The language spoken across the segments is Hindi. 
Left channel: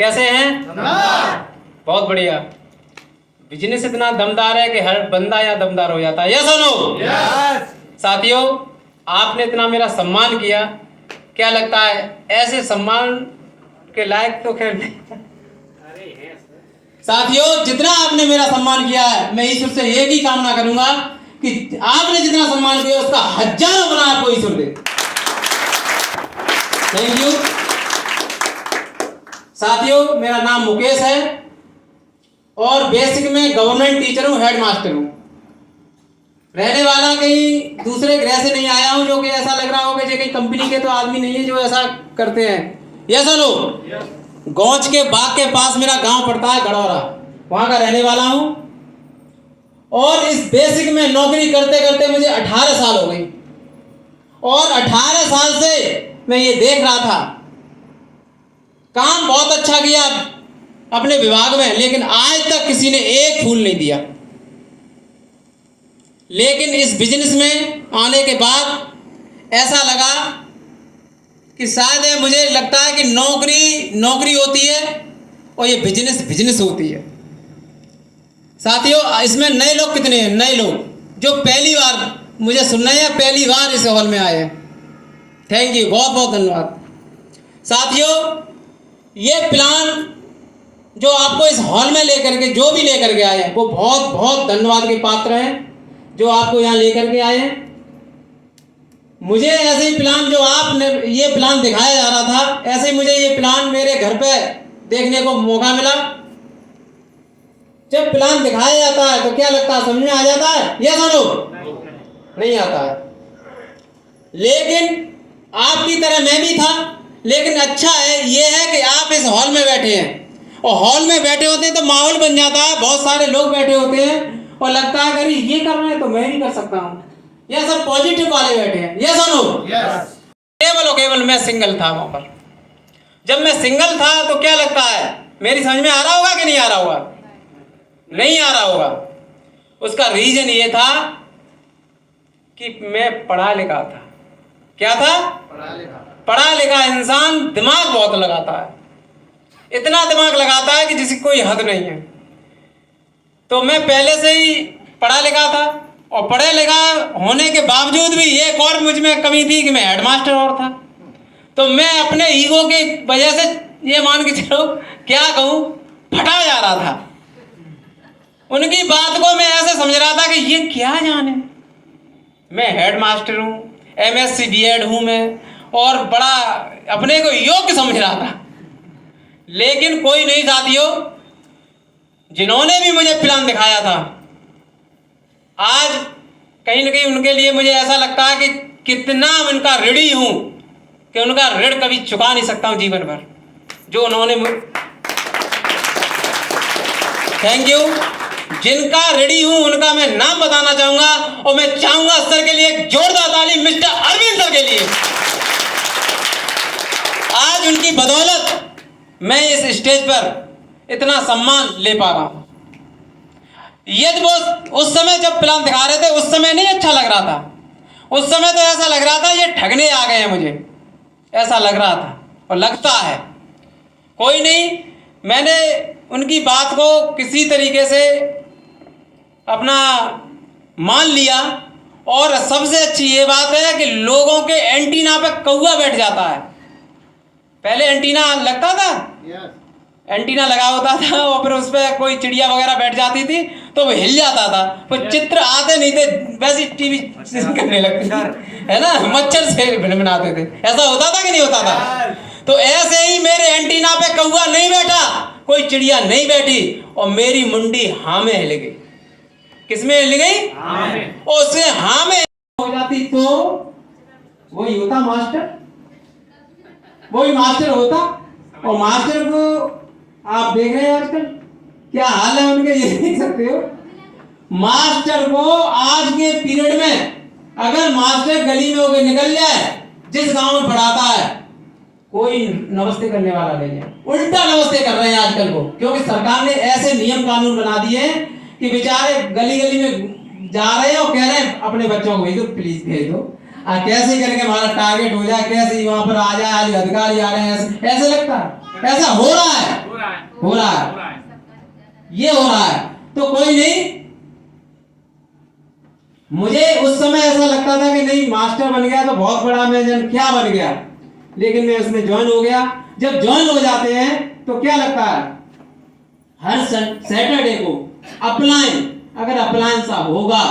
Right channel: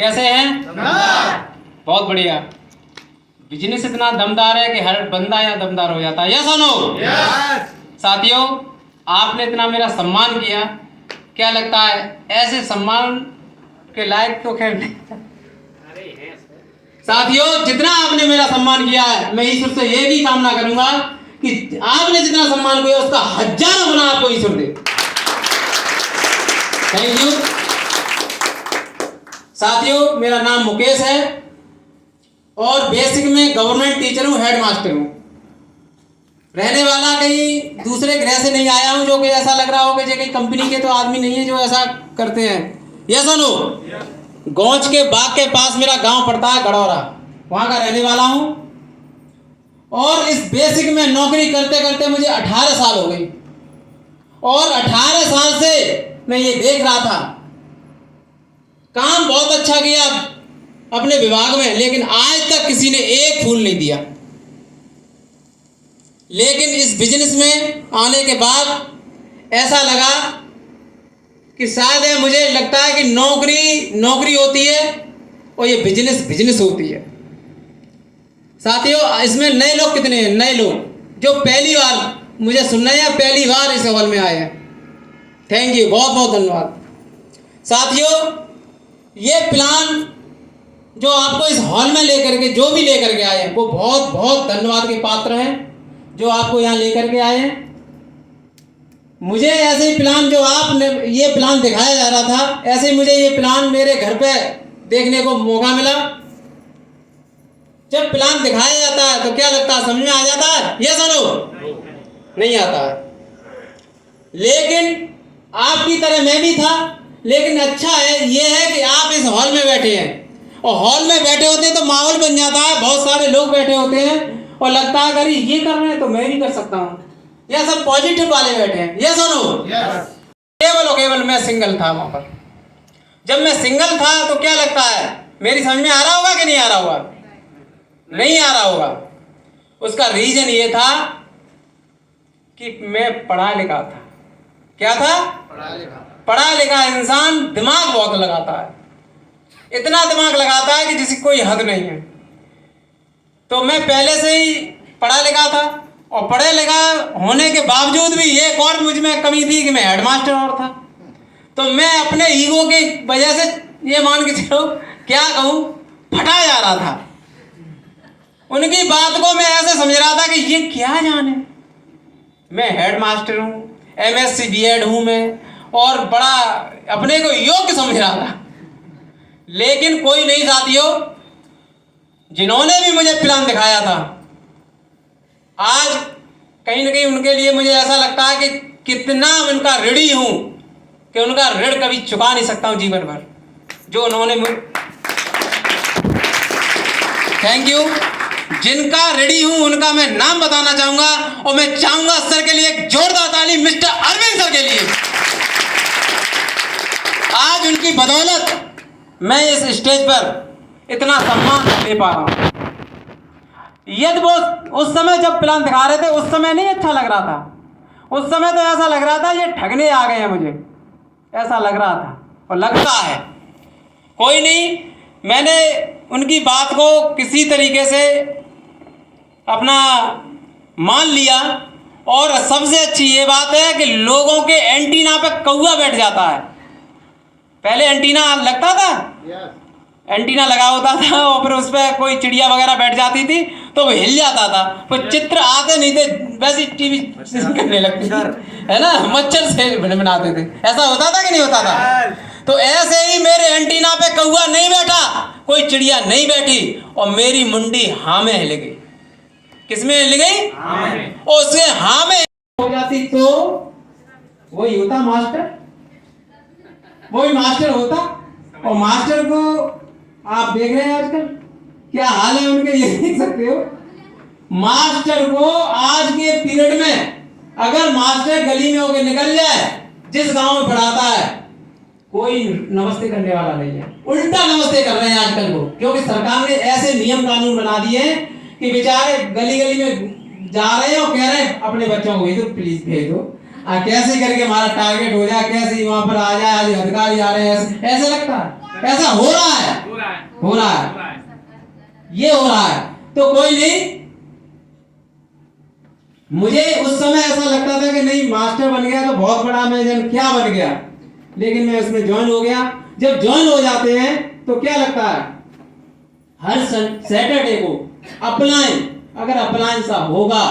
कैसे हैं? बहुत बढ़िया। बिजनेस इतना दमदार है कि हर बंदा यहाँ दमदार हो जाता है। यस और नो? साथियों, आपने इतना मेरा सम्मान किया, क्या लगता है ऐसे सम्मान के लायक तो खैर साथियों, जितना आपने मेरा सम्मान किया है, मैं ईश्वर से ये भी कामना करूंगा कि आपने जितना सम्मान किया उसका हजारों गुना आपको ईश्वर दे। Thank you. साथियों, मेरा नाम मुकेश है और बेसिक में गवर्नमेंट टीचर हूँ, हेड मास्टर हूँ। रहने वाला कहीं दूसरे ग्रह से नहीं आया हूँ जो कि ऐसा लग रहा हो कि कहीं कंपनी के तो आदमी नहीं है जो ऐसा करते हैं। ये सुनो, गौच के बाग के पास मेरा गांव पड़ता है गड़ौरा, वहां का रहने वाला हूं और इस बेसिक में नौकरी करते करते मुझे 18 साल हो गई और 18 साल से मैं ये देख रहा था, काम बहुत अच्छा किया अपने विभाग में, लेकिन आज तक किसी ने एक फूल नहीं दिया। लेकिन इस बिजनेस में आने के बाद ऐसा लगा कि शायद मुझे लगता है कि नौकरी नौकरी होती है और ये बिजनेस बिजनेस होती है। साथियों, इसमें नए लोग कितने हैं? नए लोग जो पहली बार मुझे सुन रहे हैं, पहली बार इस हॉल में आए हैं, थैंक यू, बहुत बहुत धन्यवाद। साथियों, ये प्लान जो आपको इस हॉल में लेकर के जो भी लेकर के आए हैं वो बहुत बहुत धन्यवाद के पात्र हैं जो आपको यहाँ लेकर के आए हैं। मुझे ऐसे ही प्लान जो आपने ये प्लान दिखाया जा रहा था, ऐसे ही मुझे ये प्लान मेरे घर पे देखने को मौका मिला। जब प्लान दिखाया जाता है तो क्या लगता है, समझ में आ जाता है? ये सुनो, नहीं आता है। लेकिन आपकी तरह मैं भी था, लेकिन अच्छा है ये है कि आप इस हॉल में बैठे हैं और हॉल में बैठे होते हैं तो माहौल बन जाता है, बहुत सारे लोग बैठे होते हैं और लगता है अरे ये कर रहे हैं तो मैं भी कर सकता हूँ। ये सब पॉजिटिव वाले बैठे हैं। ये सुनो, केवल और केवल मैं सिंगल था वहां पर। जब मैं सिंगल था तो क्या लगता है, मेरी समझ में आ रहा होगा कि नहीं आ रहा होगा? नहीं आ रहा होगा। उसका रीजन ये था कि मैं पढ़ा लिखा था। क्या था? पढ़ा लिखा इंसान दिमाग बहुत लगाता है, इतना दिमाग लगाता है कि जिसकी कोई हद नहीं है। तो मैं पहले से ही पढ़ा लिखा था और पढ़े लिखा होने के बावजूद भी एक और मुझ में कमी थी कि मैं हेडमास्टर और था। तो मैं अपने ईगो की वजह से ये मान के चलो, क्या कहूँ, फटा जा रहा था। उनकी बात को मैं ऐसे समझ रहा था कि ये क्या जाने, मैं हेडमास्टर हूँ, MSc B.Ed हूँ मैं और बड़ा अपने को योग्य समझ रहा था। लेकिन कोई नहीं साथियों, जिन्होंने भी मुझे प्लान दिखाया था, आज कहीं ना कहीं उनके लिए मुझे ऐसा लगता है कि कितना उनका ऋणी हूं कि उनका ऋण कभी चुका नहीं सकता हूं जीवन भर, जो उन्होंने थैंक यू। जिनका ऋणी हूं उनका मैं नाम बताना चाहूंगा और मैं चाहूंगा सर के लिए एक जोरदार ताली मिस्टर अरविंद सर के लिए। आज उनकी बदौलत मैं इस स्टेज पर इतना सम्मान ले पा रहा हूं। यदि वो उस समय जब प्लान दिखा रहे थे उस समय नहीं अच्छा लग रहा था, उस समय तो ऐसा लग रहा था ये ठगने आ गए हैं, मुझे ऐसा लग रहा था और लगता है। कोई नहीं, मैंने उनकी बात को किसी तरीके से अपना मान लिया और सबसे अच्छी ये बात है कि लोगों के एंटीना पे कौवा बैठ जाता है। पहले एंटीना लगता था, एंटीना लगा होता था और फिर उस पर कोई चिड़िया वगैरह बैठ जाती थी तो वो हिल जाता था, फिर चित्र आते नहीं थे, वैसे टीवी करने लगती है ना, मच्छर से बनाते थे। ऐसा होता था कि नहीं होता था? तो ऐसे ही मेरे एंटीना पे कौवा नहीं बैठा, कोई चिड़िया नहीं बैठी और मेरी मुंडी हाँ में हिल गई। किसमें हिल गई? हाँ में। और उससे हाँ में हो जाती तो वही होता मास्टर, वही मास्टर होता। और मास्टर को आप देख रहे हैं आजकल क्या हाल है उनके, ये देख सकते हो। मास्टर को आज के पीरियड में अगर मास्टर गली में होकर निकल जाए, जिस गांव में पढ़ाता है, कोई नमस्ते करने वाला नहीं है, उल्टा नमस्ते कर रहे हैं आजकल को, क्योंकि सरकार ने ऐसे नियम कानून बना दिए कि बेचारे गली गली में जा रहे हैं और कह रहे हैं अपने बच्चों को भेजो, प्लीज भेजो, कैसे करके हमारा टारगेट हो जाए, कैसे वहां पर आ जाए, आज अधिकारी आ रहे हैं, ऐसे लगता है, ऐसा हो रहा है। हो रहा है, ये हो रहा है। तो कोई नहीं, मुझे उस समय ऐसा लगता था कि नहीं मास्टर बन गया तो बहुत बड़ा मैं जन क्या बन गया, लेकिन मैं उसमें ज्वाइन हो गया। जब ज्वाइन हो जाते हैं तो क्या लगता है, हर सैटरडे को अपलाइन, अगर अपलाइन सा होगा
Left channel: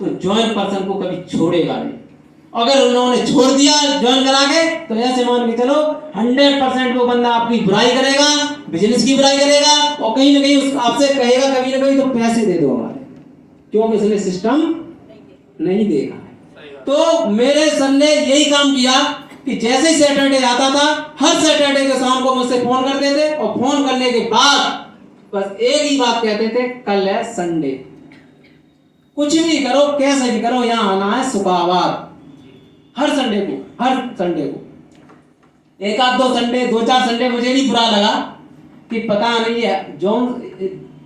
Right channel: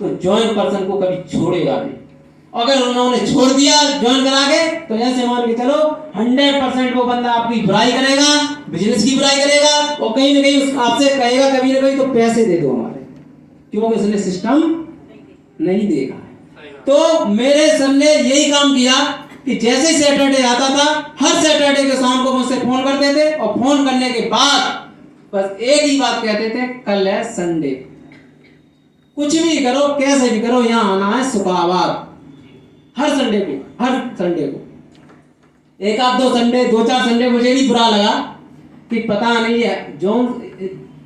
तो ज्वाइन पर्सन को कभी छोड़ेगा नहीं। अगर उन्होंने छोड़ दिया ज्वाइन करा के तो ऐसे मान के चलो 100% वो बंदा आपकी बुराई करेगा, बिजनेस की बुराई करेगा, और कहीं ना कहीं आपसे कहेगा कभी ना कभी तो पैसे दे दो हमारे, क्योंकि उसने सिस्टम नहीं देखा। तो मेरे सर ने यही काम किया कि जैसे सैटरडे आता था, हर सैटरडे के शाम को मुझसे फोन करते थे, और फोन करने के बाद बस एक ही बात कहते थे, कल है संडे, कुछ भी करो कैसे भी करो यहाँ आना है सुखाबाद। हर संडे को, हर संडे को, एक आध दो संडे, दो चार संडे मुझे भी बुरा लगा कि पता नहीं है जो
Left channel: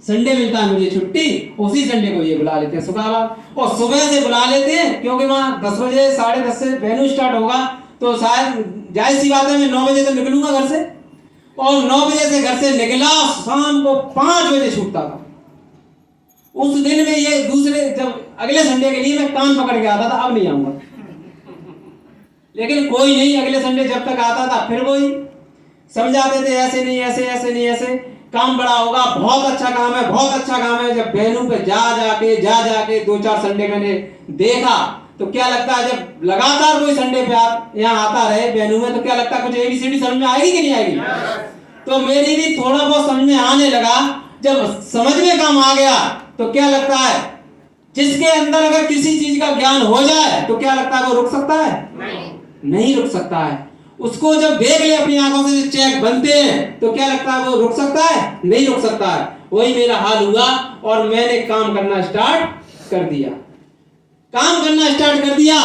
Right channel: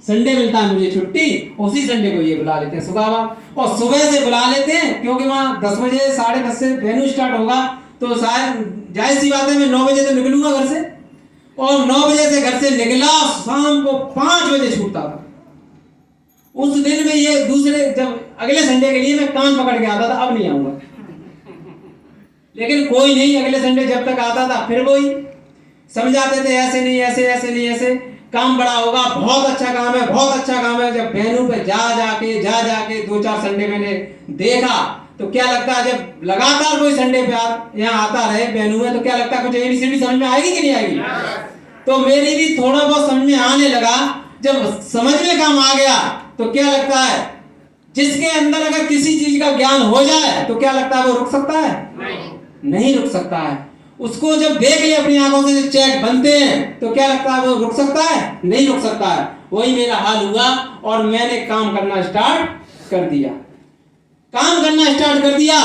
संडे मिलता है मुझे छुट्टी, उसी संडे को ये बुला लेते हैं सुखाबाद, और सुबह से बुला लेते हैं क्योंकि वहाँ 10 बजे 10:30 से वेन्यू स्टार्ट होगा, तो शायद जाहिर सी बात है मैं 9 बजे तो निकलूंगा घर से, और 9 बजे से घर से निकला शाम को 5 बजे छूटता था। उस दिन में ये दूसरे जब अगले संडे के लिए मैं कान पकड़ के आता था, अब नहीं आऊंगा, लेकिन कोई नहीं, अगले संडे जब तक आता था फिर वही समझाते थे, ऐसे नहीं ऐसे, ऐसे नहीं ऐसे, काम बड़ा होगा, बहुत अच्छा काम है, बहुत अच्छा काम है। जब वेन्यू पे जा जाके 2-4 संडे मैंने देखा तो क्या लगता है, जब लगातार कोई संडे पे यहाँ आता रहे वेन्यू में, तो क्या लगता है कुछ ABCD समझ में आएगी कि नहीं आएगी। तो मेरी भी थोड़ा बहुत समझ में आने लगा। जब समझ में काम आ गया तो क्या लगता है, जिसके अंदर अगर किसी चीज का ज्ञान हो जाए तो क्या लगता है वो रुक सकता है? नहीं रुक सकता है। उसको जब देख ले अपनी आंखों से चेक बनते हैं तो क्या लगता है वो रुक सकता है? नहीं रुक सकता है। वही मेरा हाल हुआ और मैंने काम करना स्टार्ट कर दिया। काम करना स्टार्ट कर दिया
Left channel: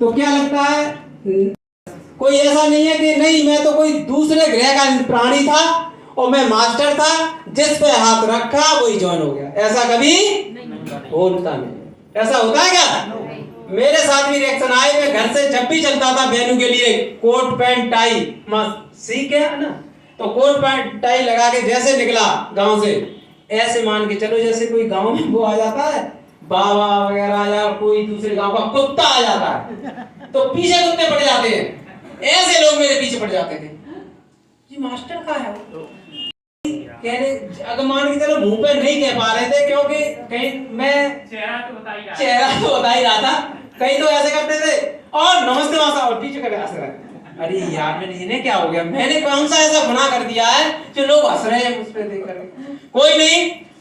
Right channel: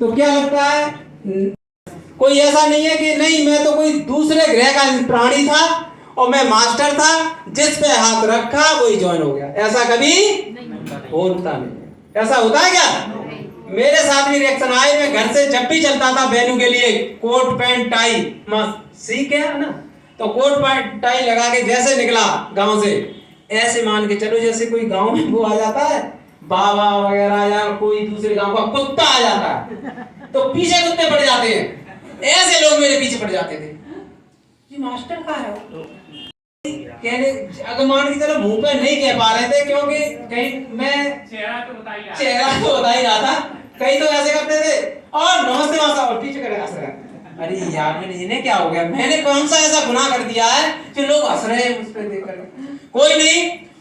तो क्या लगता है, कोई ऐसा नहीं है कि नहीं मैं तो कोई दूसरे ग्रह का प्राणी था और मैं मास्टर था, जिस पे हाथ रखा वही ज्वाइन हो गया। ऐसा कभी होता नहीं। ऐसा होता है क्या? मेरे साथ भी रिएक्शन आए। मैं घर से जब भी चलता था वेन्यू के लिए, कोट पैंट टाई सीख गया ना, तो कोट पैंट टाई लगा के जैसे निकला गांव से, ऐसे मान के चलो जैसे कोई गांव में वो आ जाता है बाबा वगैरह या कोई दूसरे गांव का कुत्ता आ जाता है तो पीछे कुत्ते पड़ जाते हैं, ऐसे लोग मेरे पीछे पड़ जाते थे। ये मास्टर का है कहने, अगर मान के चलो मुंह पे नहीं कह पा रहे थे क्योंकि कहीं मैं चेहरा तो बता ही रहा था, कई तो ऐसे करते थे और नमस्ते मासा और पीछे करे हंस रहे। अरे यार मैंने इन्हें क्या हो गया, मैंने कौन सा ऐसा गुनाह कर दिया है कि लोग हंस रहे हैं मुझ पे देख कर। कोई नहीं,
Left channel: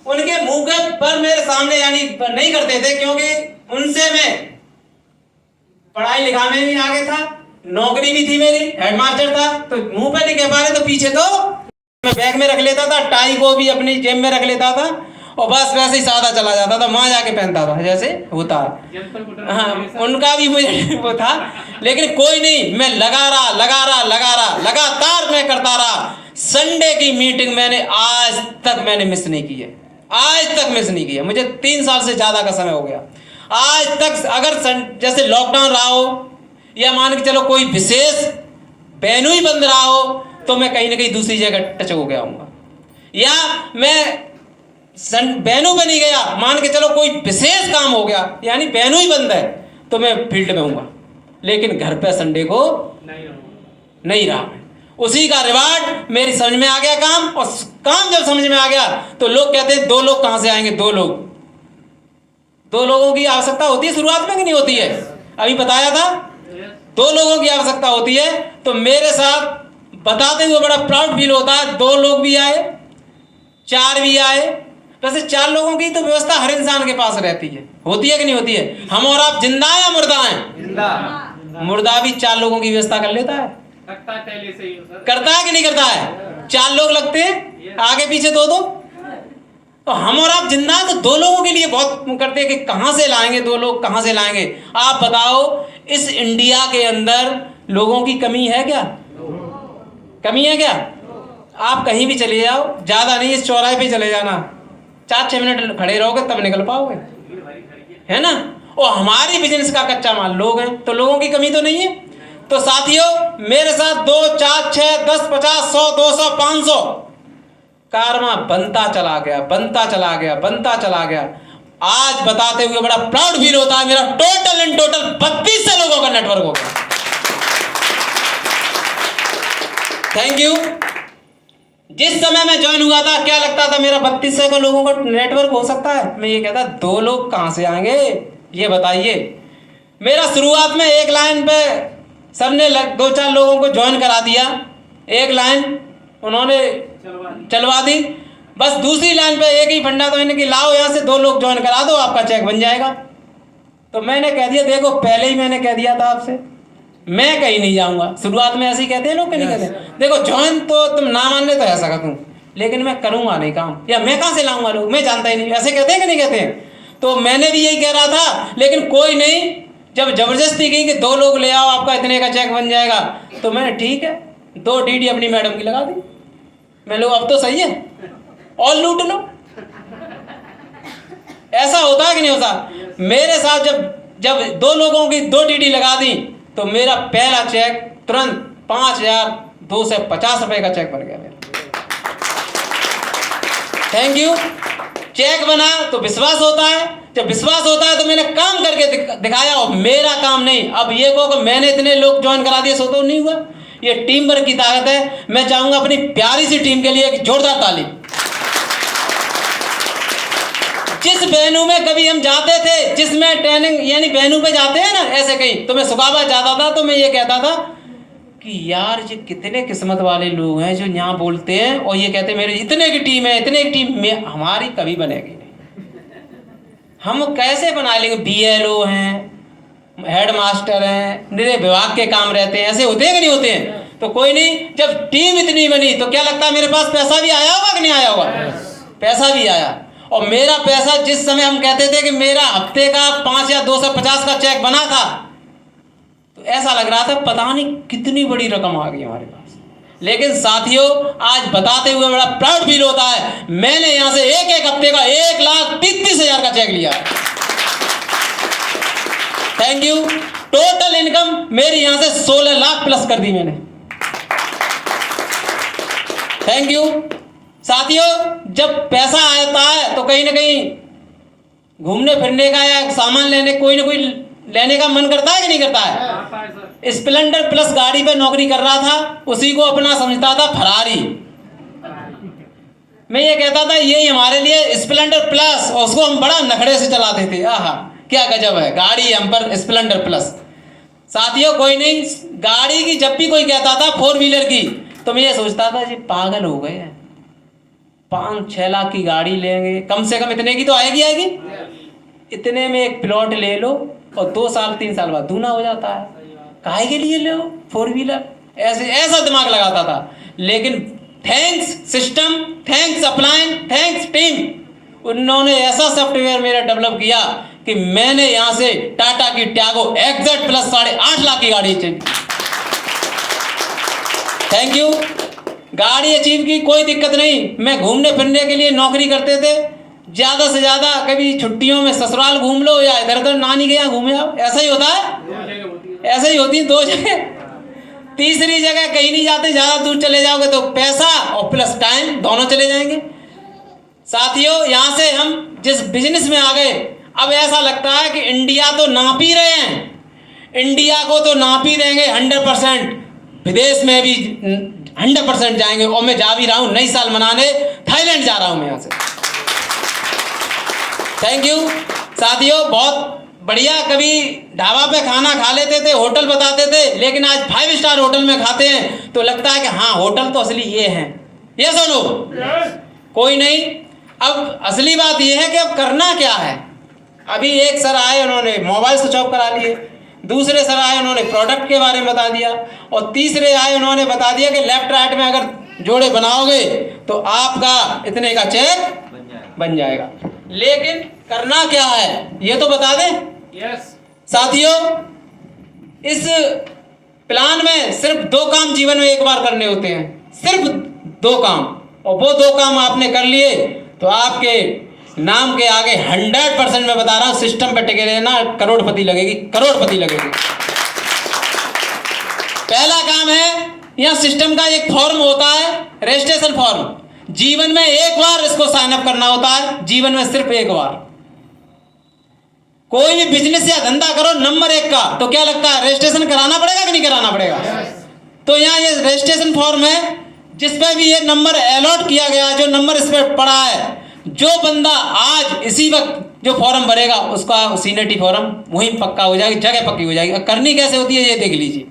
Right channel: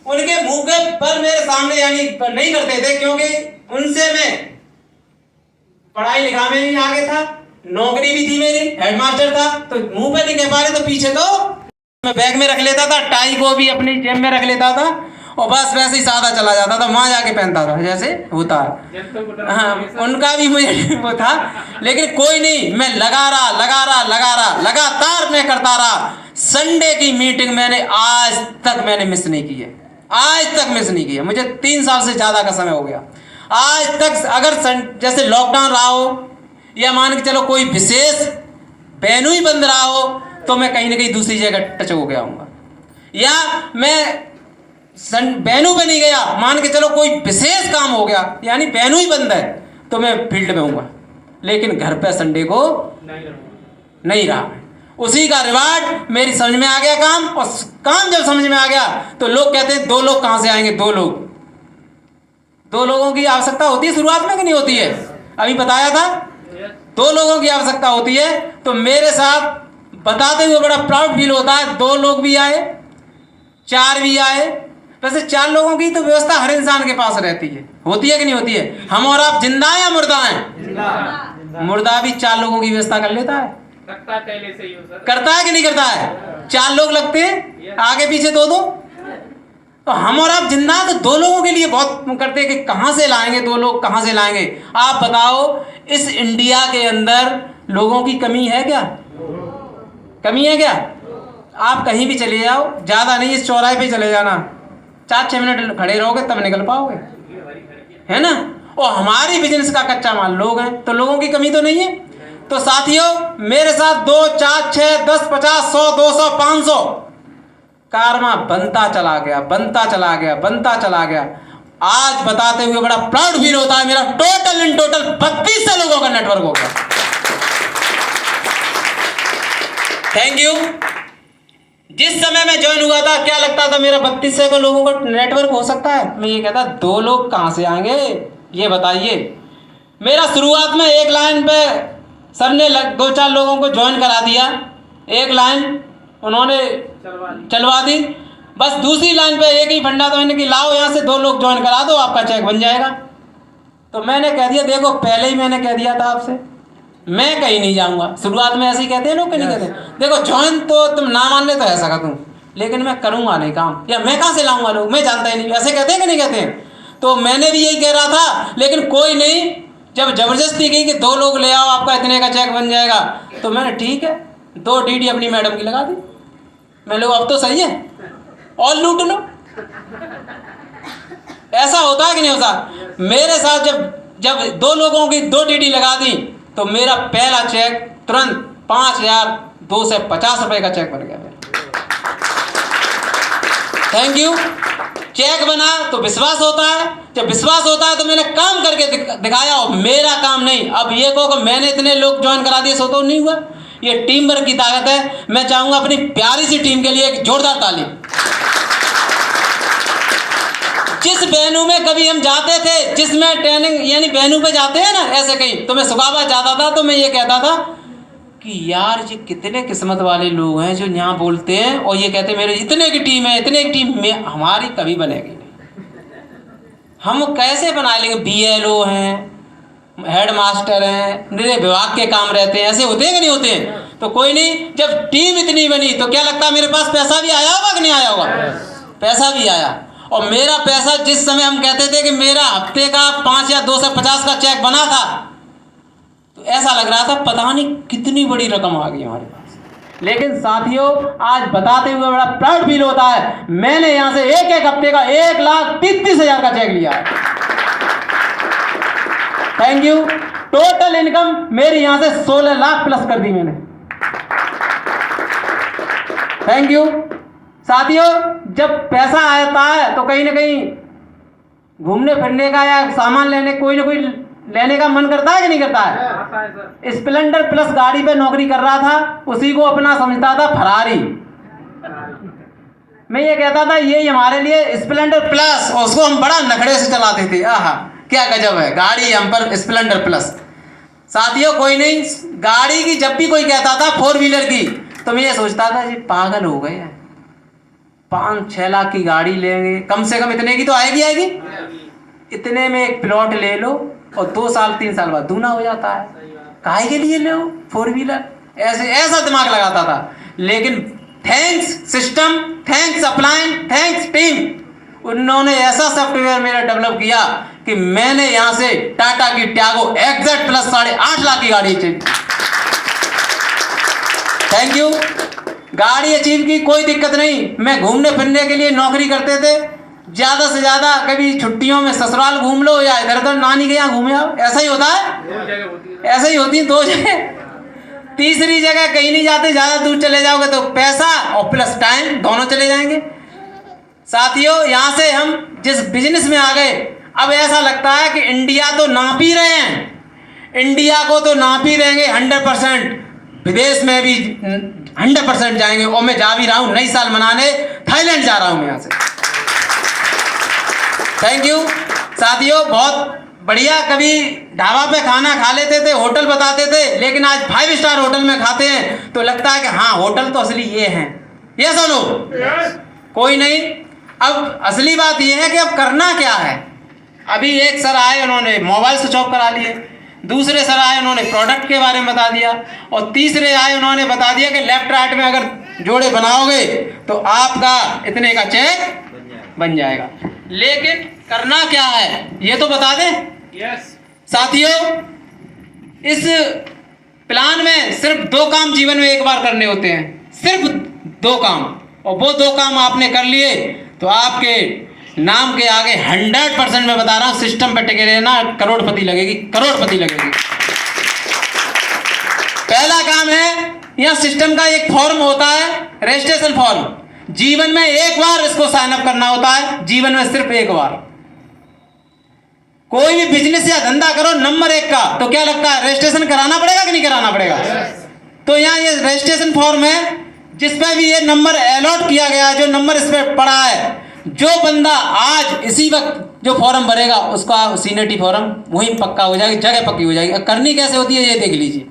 उनके मुंह के पर मेरे सामने यानी नहीं करते थे क्योंकि उनसे मैं पढ़ाई लिखाई में भी आगे था, नौकरी भी थी मेरी, हेडमास्टर था, तो मुंह पे नहीं कह पा रहे तो पीछे तो मैं बैग में रख लेता था, टाई को भी अपनी जेब में रख लेता था और बस वैसे ही सादा चला जाता था, वहां जाके पहनता था जैसे होता। हाँ, उनका भी मुझे वो था, लेकिन कोई नहीं, मैं लगा रहा, लगातार मैं करता रहा। संडे की मीटिंग मैंने आज तक मिस नहीं की है, आज तक मिस नहीं की है। मुझे 3 साल से ज्यादा का समय हो गया, आज तक अगर जैसे लॉकडाउन रहा हो या मान के चलो कोई विशेष वेन्यू ही बंद रहा हो तो मैं कहीं ना कहीं दूसरी जगह टच हो गया हूँ, या मैं वेन्यू पे नहीं गया, मान के चलो कोई विशेष काम हो गया यानी वेन्यू ही बंद है तो मैं फील्ड में हूँ, लेकिन घर पे संडे को नहीं रहा। उसी का रिवार्ड मेरी समझ में आ गया काम, और काम जब समझ में आ गया तो लोग कहते हैं 2 लोग कहाँ से आएंगे, 2 लोगों की आवश्यकता होती है शुरुआत में कि नहीं होती है? अभी बताया था 2 लोगों की आवश्यकता होती है। तो मेरे साथ बताते हुए बड़ा प्राउड फील होता है, 2 लोग भी आए, 4 भी आए। वैसे 4 लोगों की तो व्यवस्था हर इंसान के पास रहती है, होती है कि नहीं होती है? हम और आप जिंदा हैं या मुर्दा हैं? मुर्दा भी 4 लोगों की व्यवस्था कर लेता है, पहले से ही करता है कि नहीं करता है? 4 लोग लगते हैं, आगे पीछे 2-2। तो हम और आप जिंदा हैं तो 2 लोगों के लिए बहुत करते हैं कि कहां से लाएंगे, 2 लोग कहां से लाएंगे? आप बताओ, इस इंडिया के अंदर लोगों की कमी है क्या? कमी है क्या? आप कहीं भी चले जाओ, ज्यादा नहीं, इस चौराहे पे चले जाना, 4-6 मिनट खड़े रहोगे तब निकल पाओगे, है ना? और हमारी बिजनेस का कच्चा माल लोग हैं, तो लोगों की कमी तो नहीं है। तो साथियों, मेरे साथ 2, 4, 6, 10, 50, 100, 200, 500 कारवा बनता चला गया, बनता चला गया, बनता चला गया। आज बताते हुए बड़ा प्राउड फील होता है, मेरा टोटल इन टोटल 3200 लोगों का नेटवर्क हो गया। Thank you. जिस समय मैं ज्वाइन हुआ था क्या लगता था मेरा 3200 का लोगों का नेटवर्क हो सकता है? मैं ये कहता 2 लोग कहाँ से आएंगे ये बताइए। मेरा शुरुआत में एक लाइन पे सर ने 2-4 लोगों को ज्वाइन करा दिया, एक लाइन उन्होंने चलवा दी, बस दूसरी लाइन पे एक ही फंडा तो इन्हें कि लाओ यहाँ से 2 लोग ज्वाइन करा दो, आपका चेक बन जाएगा। तो मैंने कह दिया देखो पहले ही मैंने कह दिया था आपसे मैं कहीं नहीं जाऊँगा। शुरुआत में ऐसे ही कहते हैं लोग, कहीं नहीं कहते देखो ज्वाइन तो तुम ना मान ले तो ऐसा कर दूँ, लेकिन मैं करूँगा नहीं काम, या मैं कहाँ से लाऊंगा लोग, मैं जानता ही नहीं, ऐसे कहते हैं कि नहीं कहते हैं। तो मैंने भी यही कह रहा था, लेकिन कोई नहीं, जब ज़बरदस्ती की कि 2 लोग ले आओ आपका इतने का चेक बन जाएगा, तो मैंने ठीक है 2 DD अपनी मैडम की लगा दी। मैं लोग अब तो सही है और लूट लो। ऐसा होता है कि नहीं होता? मेरे साथ जब 2 लोगों की 2 DD लगा दी तो मेरा पहला चेक तुरंत 5250 रुपये का चेक बन गया मेरा। Thank you. चेक बना तो विश्वास होता है, जब विश्वास होता है तो मैंने काम करके दिखाया, और मेरा काम नहीं। अब ये कहो कि मैंने इतने लोग ज्वाइन करा दिए सो तो नहीं हुआ, ये टीम वर्क की ताकत है। मैं चाहूंगा अपनी प्यारी सी टीम के लिए एक जोरदार ताली। जिस वेन्यू में कभी हम जाते थे, जिसमें ट्रेनिंग यानी वेन्यू पे जाते हैं ना ऐसे कहीं, तो मैं सुखाबाद जाता था तो मैं ये कहता था कि यार ये कितने किस्मत वाले लोग हैं जो यहाँ बोलते हैं और ये कहते हैं मेरे इतने की टीम है, इतने की टीम में हमारी कभी बनेगी नहीं। हम कैसे बना लेंगे? BLO हैं, हेड मास्टर हैं, मेरे विभाग के काम रहते हैं, ऐसे होते हैं कि नहीं होते हैं? तो कोई नहीं, जब टीम इतनी बनी तो क्या लगता है मेरे पास पैसा भी आया होगा कि नहीं आया होगा? पैसा भी आया। और मेरा पैसा जिस समय हम कहते थे कि मेरा हफ्ते का 5 या 250 का चेक बना था, तो ऐसा लग रहा था पता नहीं कितनी बड़ी रकम आ गई हमारे पास। लेकिन साथियों आज बताते हुए बड़ा प्राउड फील होता है, मैंने यहाँ से एक हफ्ते का 1,33,000 का चेक लिया है। Thank you. टोटल इनकम मेरी यहाँ से 16 लाख प्लस कर दी मैंने। Thank you. साथियों जब पैसा आता है तो कहीं ना कहीं घूमने फिरने का या सामान लेने कोई ना कोई लेने का मन करता है कि नहीं करता है? स्प्लेंडर प्लस गाड़ी पे नौकरी कर रहा था, उसी को अपना समझता था फरारी। मैं ये कहता था यही हमारे लिए स्प्लेंडर प्लस, और उसको हम बड़ा नखड़े से चलाते थे। आहा क्या गजब है गाड़ी हम पर, स्प्लेंडर प्लस। साथियों कोई नहीं, गाड़ी की जब भी कोई कहता था 4 व्हीलर की, तो मैं ये सोचता था ये पागल हो गए, 5-6 लाख की गाड़ी लेंगे, कम से कम इतने की तो आएगी। इतने में एक प्लॉट ले लो और 2 साल 3 साल बाद दूना हो जाता है, काहे के लिए ले 4 व्हीलर? ऐसा दिमाग लगाता था। लेकिन thanks system, thanks upline, thanks team, उन्होंने ऐसा सॉफ्टवेयर मेरा डेवलप किया कि मैंने यहाँ से टाटा की ट्यागो एक्जेट प्लस 8.5 लाख की गाड़ी अचीव। Thank you. गाड़ी अचीव की कोई दिक्कत नहीं। मैं घूमने फिरने के लिए नौकरी करते थे, ज़्यादा से ज़्यादा कभी छुट्टियों में ससुराल घूम लो या इधर उधर नानी के यहाँ घूमे आओ, ऐसा ही होता है। ऐसा ही होती है 2 जगह, तीसरी जगह कहीं नहीं जाते। ज़्यादा दूर चले जाओगे तो पैसा और प्लस टाइम दोनों चले जाएंगे। साथियों यहाँ से हम जिस बिजनेस में आ गए, अब ऐसा लगता है कि इंडिया तो नाप ही रहे हैं, इंडिया को तो नाप ही रहेंगे 100%, विदेश में भी 100% जाएंगे। और मैं जा भी रहा हूँ नई साल मनाने, थाईलैंड जा रहा हूँ मैं यहाँ से। Thank you. साथियों बहुत बढ़िया, कभी ढाबा पे खाना खा लेते थे, होटल बताते थे, लेकिन आज 5 स्टार होटल में खाते हैं तो लगता है कि हाँ होटल तो असली ये हैं। ये सुनो कोई नहीं, अब असली बात ये है कि अब करना क्या है। अभी एक सर आए, उन्होंने मोबाइल स्विच ऑफ करा लिए, दूसरे सर आए उन्होंने प्रोडक्ट के बारे में बता दिया, और तीसरे आए उन्होंने बता दिया कि लेफ्ट राइट में अगर जोड़े बनाओगे तो आपका इतने का चेक बन जाएगा। लेकिन करना क्या है ये तो बता दें। साथियों इस प्लान में सिर्फ 2 काम जीवन में एक बार करने होते हैं, सिर्फ 2 काम, और वो 2 काम आपने कर लिए तो आपके नाम के आगे 100% मैं बता रहा हूँ सिस्टम पे टिके रहना, करोड़पति लगेगी, करोड़पति लगेगी। पहला काम है, यहाँ सिस्टम का एक फॉर्म होता है, रजिस्ट्रेशन फॉर्म। जीवन में एक बार इसको साइन अप करना होता है, जीवन में सिर्फ एक बार। कोई भी बिजनेस या धंधा करो नंबर 1 का, तो क्या लगता है रजिस्ट्रेशन कराना पड़ेगा कि नहीं कराना पड़ेगा? तो यहाँ ये रजिस्ट्रेशन फॉर्म है जिसपे भी ये नंबर अलॉट किया गया है, जो नंबर इस पर पड़ा है। जो बंदा आज इसी वक्त जो फॉर्म भरेगा उसका सीनियरिटी फॉर्म वहीं पक्का हो जाएगी, जगह पक्की हो जाएगी। करनी कैसे होती है ये देख लीजिए।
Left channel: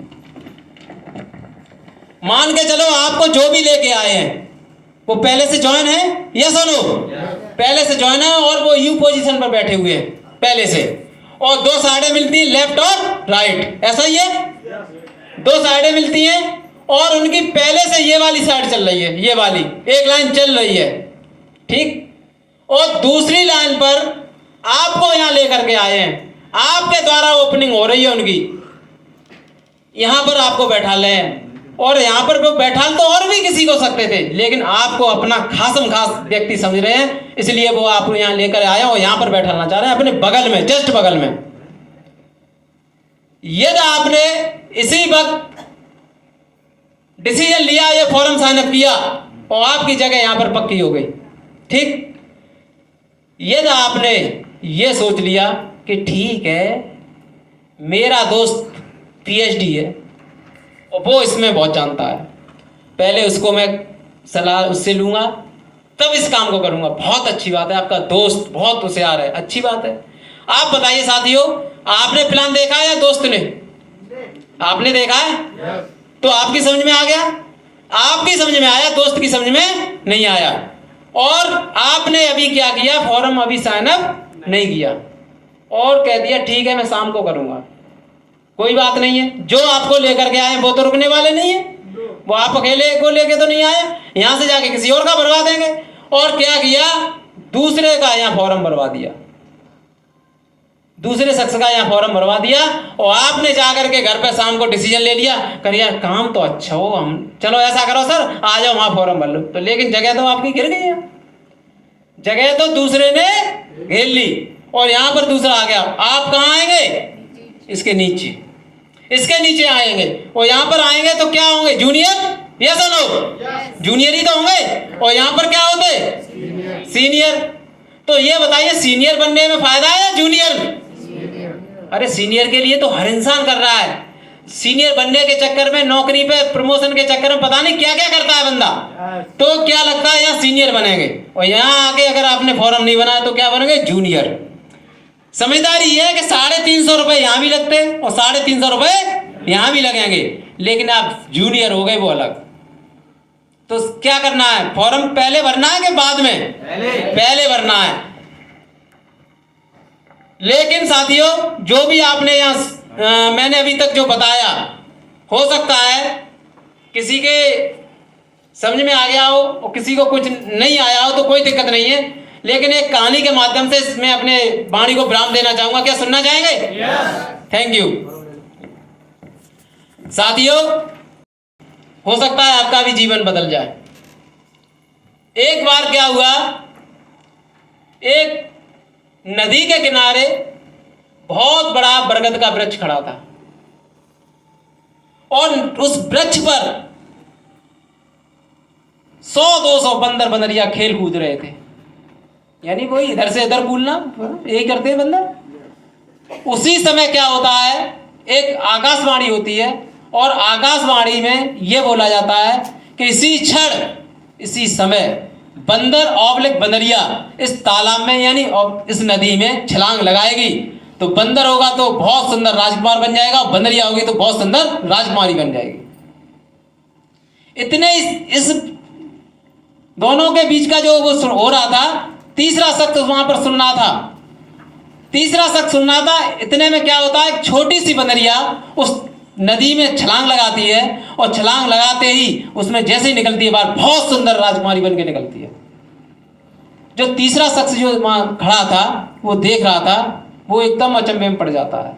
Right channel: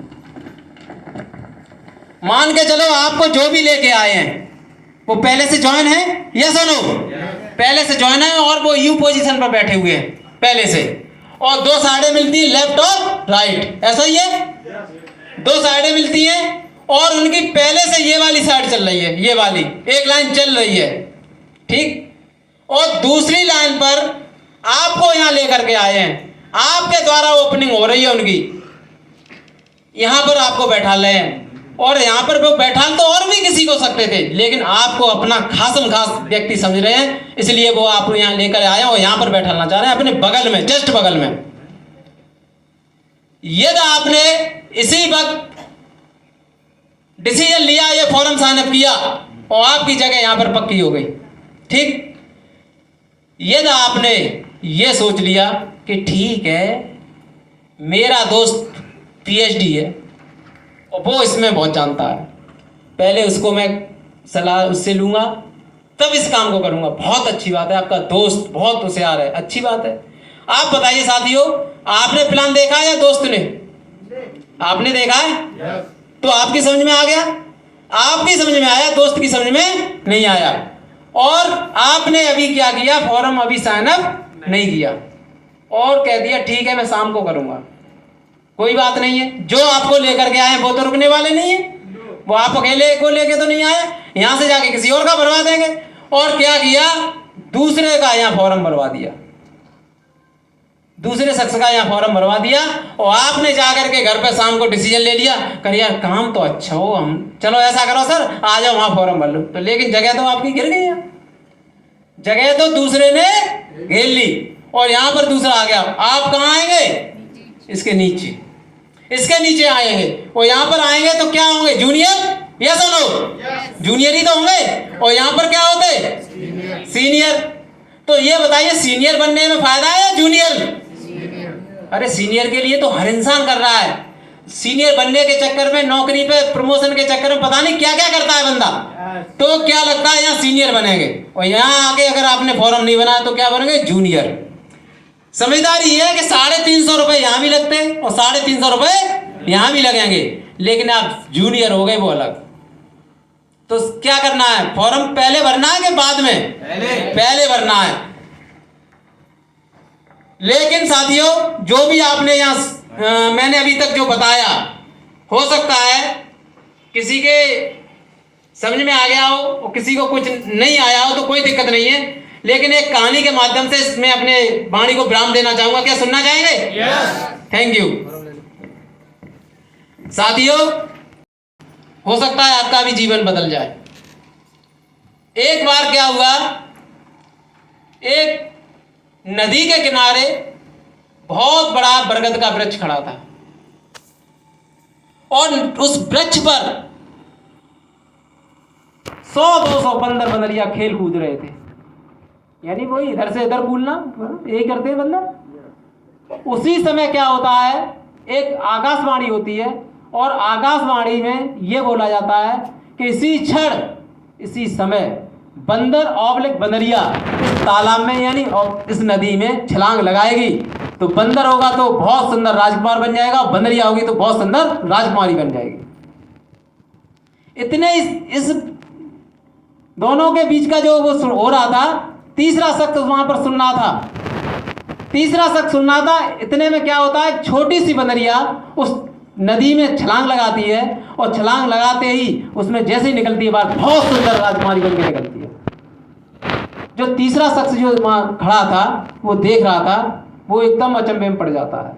मान के चलो आपको जो भी लेके आए हैं वो पहले से ज्वाइन है, यस और नो? पहले से ज्वाइन है और वो यू पोजीशन पर बैठे हुए हैं पहले से, और 2 साइडें मिलती हैं लेफ्ट और राइट, ऐसा ही है। 2 साइडें मिलती हैं और उनकी पहले से ये वाली साइड चल रही है, ये वाली एक लाइन चल रही है, ठीक। और दूसरी लाइन पर आपको यहाँ लेकर के आए हैं, आपके द्वारा ओपनिंग हो रही है उनकी, यहाँ पर आपको बैठा रहे हैं। और यहाँ पर वो बैठाल तो और भी किसी को सकते थे, लेकिन आपको अपना खासम खास व्यक्ति समझ रहे हैं, इसलिए वो आपको यहाँ लेकर आए और यहाँ पर बैठाना चाह रहे हैं अपने बगल में, जस्ट बगल में। यदि आपने इसी वक्त डिसीजन लिया, ये फॉर्म साइन अप किया और आपकी जगह यहाँ पर पक्की हो गई, ठीक। यदि आपने ये सोच लिया कि ठीक है मेरा दोस्त पीएचडी है और वो इसमें बहुत जानता है, पहले उसको मैं सलाह उससे लूँगा तब इस काम को करूँगा, बहुत अच्छी बात है, आपका दोस्त बहुत होशियार है, अच्छी बात है। आप बताइए साथियों, आपने प्लान देखा है या दोस्त ने? आपने देखा है तो आपकी समझ में आ गया, आपकी समझ में आया, दोस्त की समझ में नहीं आया। और आपने अभी क्या किया, फॉर्म अभी साइन अप नहीं किया और कह दिया ठीक है मैं शाम को करूँगा। कोई बात नहीं है, जो आपको लेकर के आए वो तो रुकने वाले नहीं है, वो आप अकेले को लेके तो नहीं आए, यहाँ से जाके किसी और का भरवा देंगे। और क्या किया, दूसरे का यहाँ फॉर्म भरवा दिया, दूसरे शख्स का यहाँ फॉर्म भरवा दिया और आपने जाकर के घर पे शाम को डिसीजन ले लिया, कर यार काम तो अच्छा हो, हम चलो ऐसा करो सर आ जाओ वहाँ फॉर्म भर लो, तो लेकिन जगह तो आपकी गिर गई है, जगह तो दूसरे ने घेर ली और यहाँ पर दूसरा आ गया। आप कहाँ आएंगे, इसके नीचे, इसके नीचे आएंगे और यहाँ पर आएंगे तो क्या होंगे, जूनियर, यस और नो? जूनियर ही तो होंगे और यहाँ पर क्या होते, सीनियर। तो ये बताइए सीनियर बनने में फायदा है या जूनियर? अरे सीनियर के लिए तो हर इंसान कर रहा है, सीनियर बनने के चक्कर में, नौकरी पे प्रमोशन के चक्कर में पता नहीं क्या क्या करता है बंदा, तो क्या लगता है यहाँ सीनियर बनेंगे और यहाँ आके अगर आपने फॉर्म नहीं बनाया तो क्या बनेंगे, जूनियर। समझदारी ये है कि 350 रुपये यहाँ भी लगते हैं और 350 रुपये यहाँ भी लगेंगे, लेकिन आप जूनियर हो गए वो अलग। तो क्या करना है, फॉर्म पहले भरना है कि बाद में? पहले भरना है। लेकिन साथियों जो भी आपने यहाँ मैंने अभी तक जो बताया, हो सकता है किसी के समझ में आ गया हो और किसी को कुछ नहीं आया हो, तो कोई दिक्कत नहीं है, लेकिन एक कहानी के माध्यम से मैं अपने वाणी को विराम देना चाहूंगा। क्या सुनना चाहेंगे? Thank you. साथियों हो सकता है आपका भी जीवन बदल जाए। एक बार क्या हुआ, एक नदी के किनारे बहुत बड़ा बरगद का वृक्ष खड़ा था और उस वृक्ष पर 100-200 बंदर बंदरिया खेल कूद रहे थे, यानी वही इधर से इधर कूदना, यही करते हैं बंदर। उसी समय क्या होता है, एक आकाशवाणी होती है और आकाशवाणी में यह बोला जाता है कि इसी क्षण इसी समय बंदर ऑब्लिक बंदरिया इस तालाब में यानी इस नदी में छलांग लगाएगी, तो बंदर होगा तो बहुत सुंदर राजकुमार बन जाएगा, बंदरिया होगी तो बहुत सुंदर राजकुमारी बन जाएगी। इतने इस दोनों के बीच का जो वो हो रहा था, तीसरा शख्स वहां पर सुन रहा था, तीसरा शख्स सुन रहा था। इतने में क्या होता है, छोटी सी बंदरिया उस नदी में छलांग लगाती है और छलांग लगाते ही उसमें जैसे ही निकलती है बाहर, बहुत सुंदर राजकुमारी बन के निकलती है। जो तीसरा शख्स जो वहां खड़ा था वो देख रहा था, वो एकदम अचंभे में पड़ जाता है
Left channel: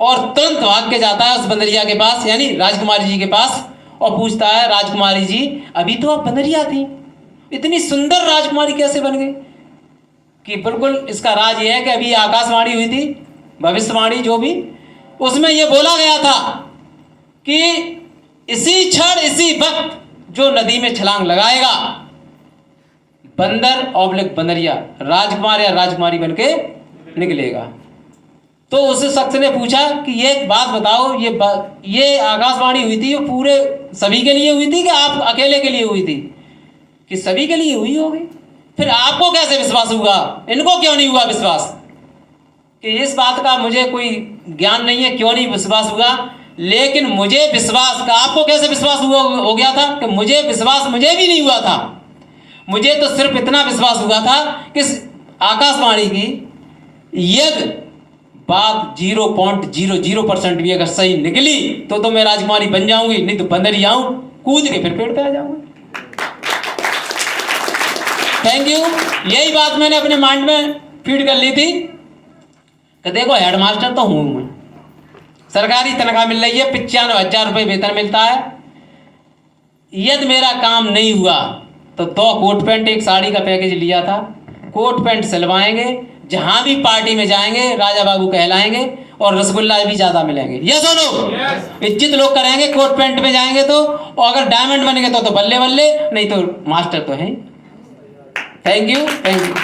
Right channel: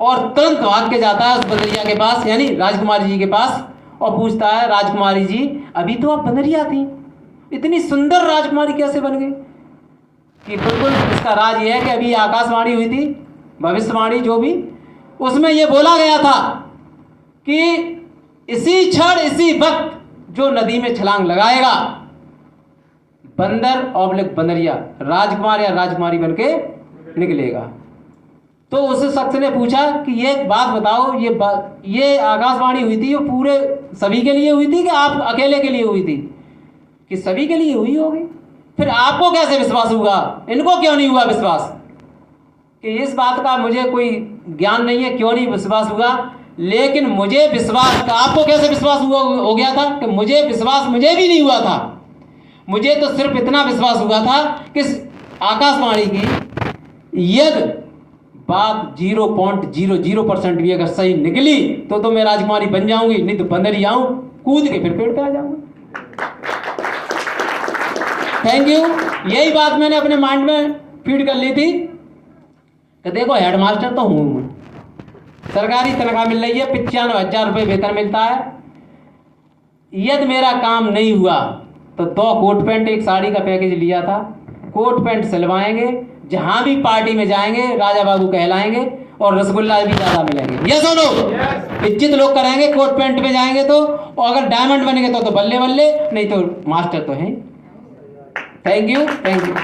और तुरंत भाग के जाता है उस बंदरिया के पास यानी राजकुमारी जी के पास और पूछता है, राजकुमारी जी अभी तो आप बंदरिया थी, इतनी सुंदर राजकुमारी कैसे बन गई? कि बिल्कुल इसका राज ये है कि अभी आकाशवाणी हुई थी, भविष्यवाणी जो भी, उसमें यह बोला गया था कि इसी क्षण इसी वक्त जो नदी में छलांग लगाएगा बंदर ऑब्लिक बंदरिया, राजकुमार या राजकुमारी बन के निकलेगा। तो उस शख्स ने पूछा कि ये बात बताओ, ये आकाशवाणी हुई थी, ये पूरे सभी के लिए हुई थी कि आप अकेले के लिए हुई थी? कि सभी के लिए हुई होगी। फिर आपको कैसे विश्वास हुआ, इनको क्यों नहीं हुआ विश्वास? कि इस बात का मुझे कोई ज्ञान नहीं है क्यों नहीं विश्वास हुआ, लेकिन मुझे विश्वास का, आपको कैसे विश्वास हुआ हो गया था? कि मुझे विश्वास मुझे भी नहीं हुआ था। मुझे तो सिर्फ इतना विश्वास हुआ था कि आकाशवाणी की यदि बात 0.00% भी अगर सही निकली तो मैं राजकुमारी बन जाऊंगी, नहीं तो बंदरी आऊं कूद के फिर पेड़ पे आ जाऊंगी। Thank you. यही बात मैंने अपने माइंड में फीड कर ली थी कि देखो हेडमास्टर तो हूँ मैं, सरकारी तनख्वाह मिल रही है, 95,000 रुपये वेतन मिलता है। यदि मेरा काम नहीं हुआ तो 2 कोट पैंट एक साड़ी का पैकेज लिया था, कोट पैंट सिलवाएंगे, जहां भी पार्टी में जाएंगे राजा बाबू कहलाएंगे और रसगुल्ला भी ज़्यादा मिलेंगे। यस और नो? इज्जत लोग करेंगे कोट पैंट में जाएंगे तो, और अगर डायमंड बनेंगे तो बल्ले बल्ले, नहीं तो मास्टर तो हैं। Thank you, thank you.